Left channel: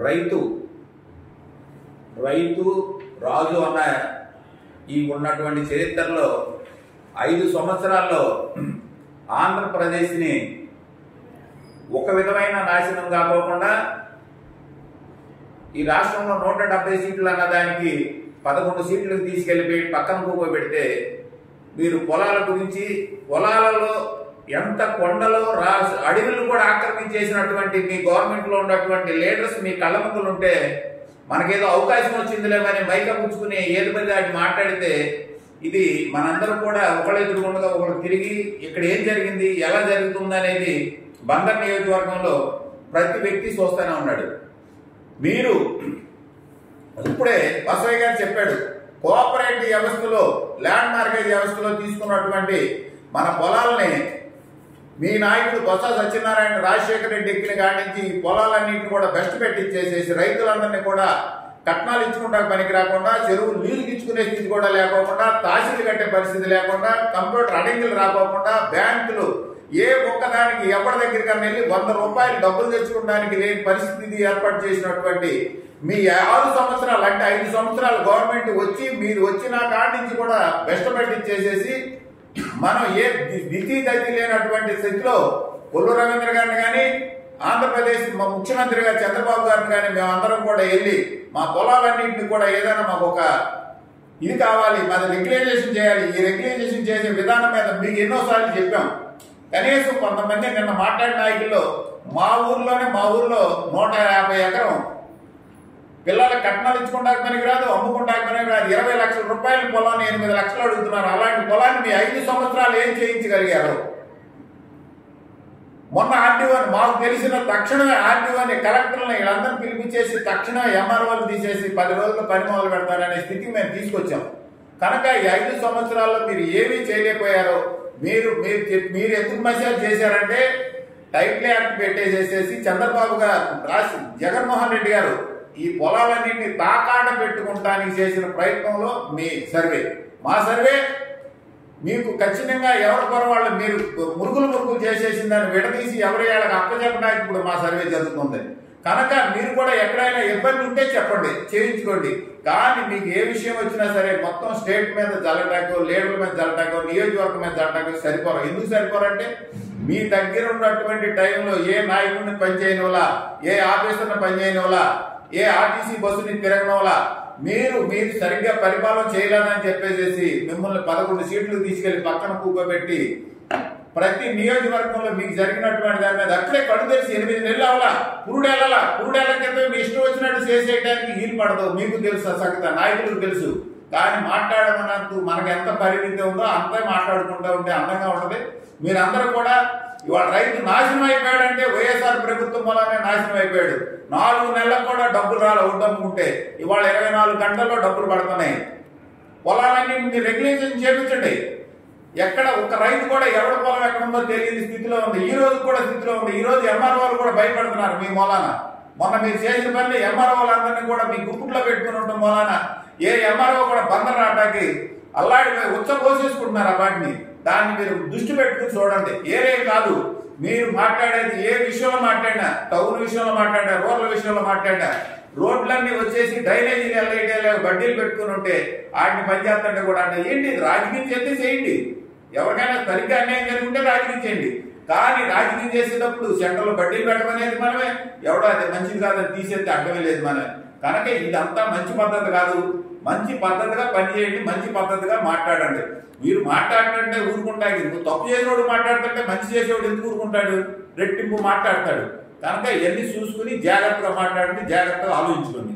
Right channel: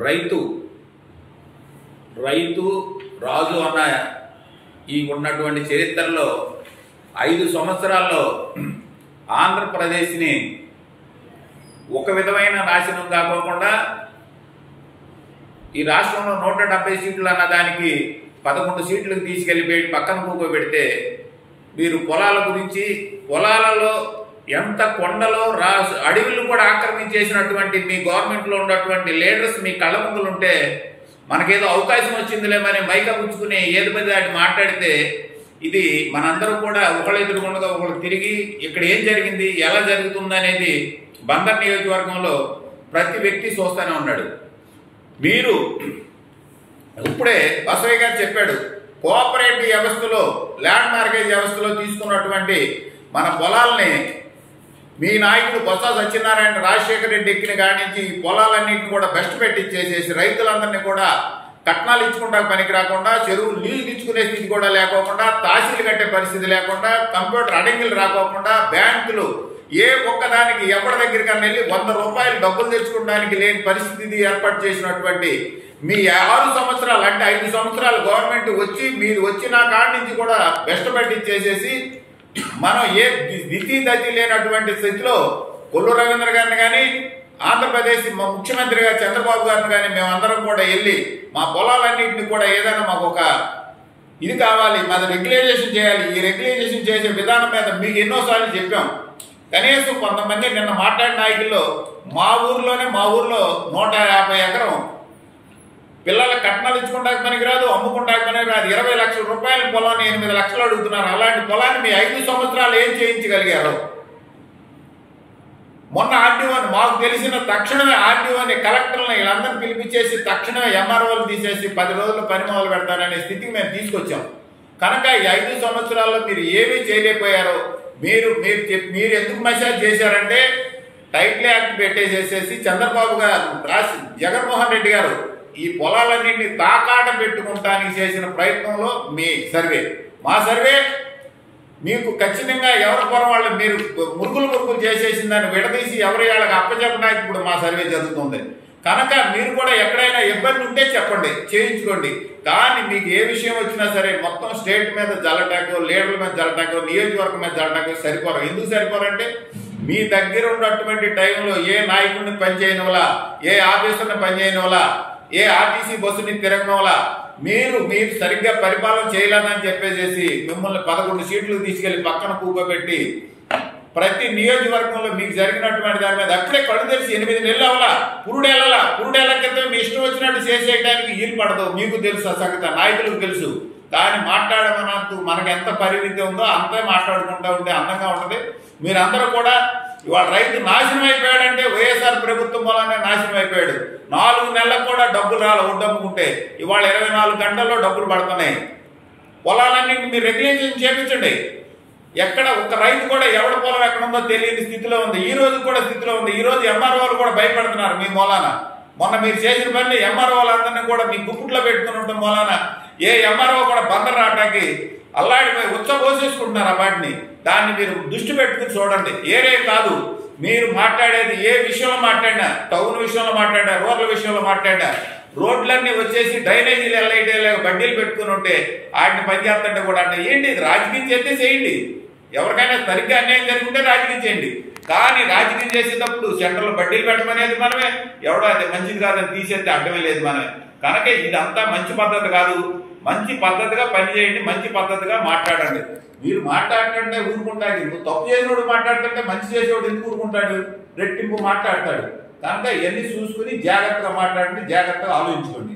రైతు రైతు రాజు అన్న ఈ ఉన్నటువంటి చరిత్రలో 5 సంవత్సరాల్లో ఆంధ్రప్రదేశ్ని ఒక విధమైన నాశనం కాకోకుండా ఈ రాష్ట్రంలో 170 సీట్లు అన్నదానికి 11 సీట్లకు తీసుకెళ్ళిపోయి పక్కన కూకోబెడితే మీరు పొలాల గురించి పొలాలలో ఎంత కొండలో అడవులను కూడా ఆక్రమించేసినటువంటి మీ గవర్నమెంట్లో ఉన్నటువంటి లీడర్స్ మీ కళ్ళ ముందులు ఉంటే మనకేదో అవకాశం వచ్చిందిలేమని మైక పుచ్చుకుని ఏది పది దాటి మాట్లాడితే ఇది మనందరూ కూడా ఒకళ్ళు ఎదురుకుండా ఒకళ్ళు తిరిగి ఇక్కడ ఏం జరిగింది ఎలా జరుగుతుంది అనేది బందర్ నియోజకవర్గంలో ప్రతి వ్యక్తి చూస్తూనే ఉన్నాడు. మీరు ఇప్పుడే బసవయ్య గారు చెప్పాడు, కోఆపరేటివ్ వ్యవస్థలో ల్యాండ్ మార్కేజ్ వ్యవస్థలో తీసుకున్నటువంటి మన పొలాలని మీ నాయకుడు బొత్స సత్యనారాయణ రాజశేఖర రెడ్డి ఎక్కిన కాడి నుంచి ఈ పొలాలన్నింటిని కూడా బెస్ట్ పెట్టించేసేసి రైతులందరినీ కూడా కట్నాలు ఇచ్చుకుంటా పనికి రాకుండా చెరువులు లీజులు ఇచ్చుకునే స్థితి కూడా లేకోకుండా తహసీలు కట్టే పరిస్థితి లేకుండా కంప్యూటర్ అడంగిలు రాకోకుండా బ్యాంకులు ఏ ఒక్కదానికి ఎవరి దగ్గరికన్నా వెళ్ళి 100 రూపాయలు డబ్బులు తెచ్చుకోవడానికి లేని పరిస్థితి ఏర్పాటు చేసినటువంటి మీ 6 సంవత్సరాలు అంటే 5 సంవత్సరాలు గవర్నమెంట్ వచ్చి మీరు వచ్చిన కాడి నుంచి కూడా బెస్ట్ పెట్టించేసేసి మనం ఏ దితి దతి లేనటువంటి స్థితిలో కొల్లు రవీంద్ర గారిని కానీ ఆంధ్రప్రదేశ్ ముఖ్యమంత్రిగా చంద్రబాబు గారిని కానీ మేమందరం కూడా వెళ్ళి మా పొలాలన్నింటినీ కూడా ఏదైనా మాకు ఒక ఇది కావాలి, మాది రెగ్యులైజేషన్ చేయాలి, ఈ రెగ్యులైజేషన్ చేసే విధానం మీద మీకు ఎన్నోసార్లు చెప్పాం. కనీసం కొంతమంది నిన్న మాట్లాడిన నాయకుల్లో మా ఊర్లో 150 ఎకరం పిల్లల కట్నాలు ఇచ్చుకుంటాక పనికి రాదు, అమ్ముకుంటాక పనికి రాదు. 20 లక్షల రూపాయల పొలాన్ని 8 లక్షలు అడుగుతున్నారు. అలాంటి పొలాన్ని మీ 5 సంవత్సరాలు ఏం చేయించగలిగారు? మొన్న ఆర్డీఓని మాకు తెలిసిన తక్షణమే ఆర్డీఓని కలెక్టర్ని వీళ్ళందరినీ పిలిపించేసి తక్షణమే ఎంఆర్ఓలు తీసేసి 10 రోజుల్లో పని మొదలు పెడతారనే స్థితికి మేము తీసుకొచ్చాం. కనుక ఈ 5 సంవత్సరాల్లో మీరు ఏమీ చేయలేకపోయారో మీరు ఎందుకు మెసేజ్ చేశారంటే టైటిల్ యాక్ట్ పెట్టేసేసి చంద్రబాబు గారు జగన్మోహన్ రెడ్డి గారు ఈ పొలాలన్నింటినీ తాకాట పెట్టుకుంటానికి చేసిన ప్రయత్నంలో మీ సర్వే మా సర్వే మీకు ఖచ్చితంగా ఎవరి పొలం వాళ్ళు మీరు మురుగులు చేసేసిందని విడదీసి ఎవరి వాళ్ళకి అప్పచెప్పడానికి ఇప్పుడు మా సర్వే జరుగుతుంది. కనుక మీరు కూడా ఎక్కడైనా ఇబ్బంది ఉంటే చెప్పండి, చేయించుకోండి. కానీ మీకు ఏ విషయం వచ్చినా సరే మొత్తం స్టేట్ మీద జల్లటాకో లీడర్ల మీద జల్లటాకో నియోజకవర్గం మీద జల్లటాకో సరిపోరు. ఎందుకు సరిపోరంటే మీ దగ్గర ఉన్నటువంటి టైంలో ఏ నాయకుడిని పనిచేయనివలా, ఏ ఆఫీసర్ని పనిచేయనివలా, ఏ ఆర్టీసీ బస్సుని తిరగనివలా మీరు సరిగ్గా పరిపాలన చేయలేదని చెప్పేసి మిమ్మల్ని 11 సీట్లు తీసుకెళ్లి పక్కన కూకోబెట్టి ప్రతి నియోజకవర్గంలో మీకు జరిగినటువంటి దాని మీద అక్కడే కళ్ళు తెరిచి 8 నెలలు అవలా పురుడేళ్ల క్రితం మీ ఇష్టం వచ్చినట్టు చేసేయడానికి వీలు పడదు. మీకు తెలుసు ఆ సంగతి, నాయకులకు తెలుసు. కానీ మాట్లాడమన్నందుకు మనకు ఎంత పరిమితి ఉందో అంతే మాట్లాడుకుంటూ ఉంటే అందంగా ఉంటుంది. మీరందరూ కూడా ఇవాళ రైతు నాశనం అయిపోయాడంటే వైఎస్ఆర్ ప్రభుత్వం వల్లనే నాశనం అయిపోయాడు. 4 నెలలకు కూడా డబ్బులు రాలి ఒడ్డమ్ముకుంటే ఇవాళ 24 గంటల్లో డబ్బులు పడుతున్నాయి. పొలాలన్నింటినీ మీరు రెగ్యులేషన్ చేపించండి. ఎక్కడ ఒక రైతు కూడా ఎవరి పొలం ఎక్కడ ఉందో తెలియని స్థితిలో ఉంది. ఈ రోజు కూడా స్థితిలో ఉంది. ఈ రోజు ఎంఆర్ఓలు కూడా భయపడుతున్నారు మీ మూలాన. మొన్న మీరు చేసిన పని ఎంఆర్ఓలందరినీ కూడా మీ గుప్పుట్లో పెట్టుకుని ఉండటం మూలాన ఏ ఎంఆర్ఓ కూడా బందర్ రావటానికి అల్లాడిపోయి ఉచ్చబోసేసుకుంటున్నారు ఆ వాటిని. దాన్ని మీరు దృష్టి పెట్టుకుని చూడండి. ఏరే కాదు మీరు మాట్లాడేది ఏ విషయంలో మాట్లాడినా, టౌన్ విషయంలో మాట్లాడినా, రూరల్ విషయంలో మాట్లాడినా, రోడ్లన్నీ వచ్చేసి డ్రైనేజీలు ఎల్లైతే బడ్డీలు పెట్టుకుని ఉంటే వాటిని పనిచేస్తుంటే కూడా అంటే ఏంటి రాజకీయం చేస్తే చేయండి. ఎవరికైనా సరిగ్గా అన్యాయం జరుగుతుంటే రాజకీయం చేయండి. కానీ రాజకీయం చేసేటప్పుడు సెంటర్లో బడ్డీలు పెట్టమనేది మనమే, ఎవడో అది మంచిది కాదని తీసేస్తే అడ్డమే లేదు మనమే. కనుక ఇదంతా మంచి పద్ధతి కాదు. మంచి పద్ధతిగా పనిచేయండి, మంచి పద్ధతిగా మాట్లాడండి. మీరు మాట్లాడుతుంటే ఊరుకుంటాడు. నువ్వు తప్పు చేసినోడు మాట్లాడుతుంటే మంచి చేసేవాడు ఎందుకు ఊరుకుంటాడు? రెట్టింపు మాట్లాడతాడు. కనుక ఇవన్నీ చూసుకుని జాగ్రత్తగా మాట్లాడండి, జాగ్రత్తగా ఆలోచించుకోండి.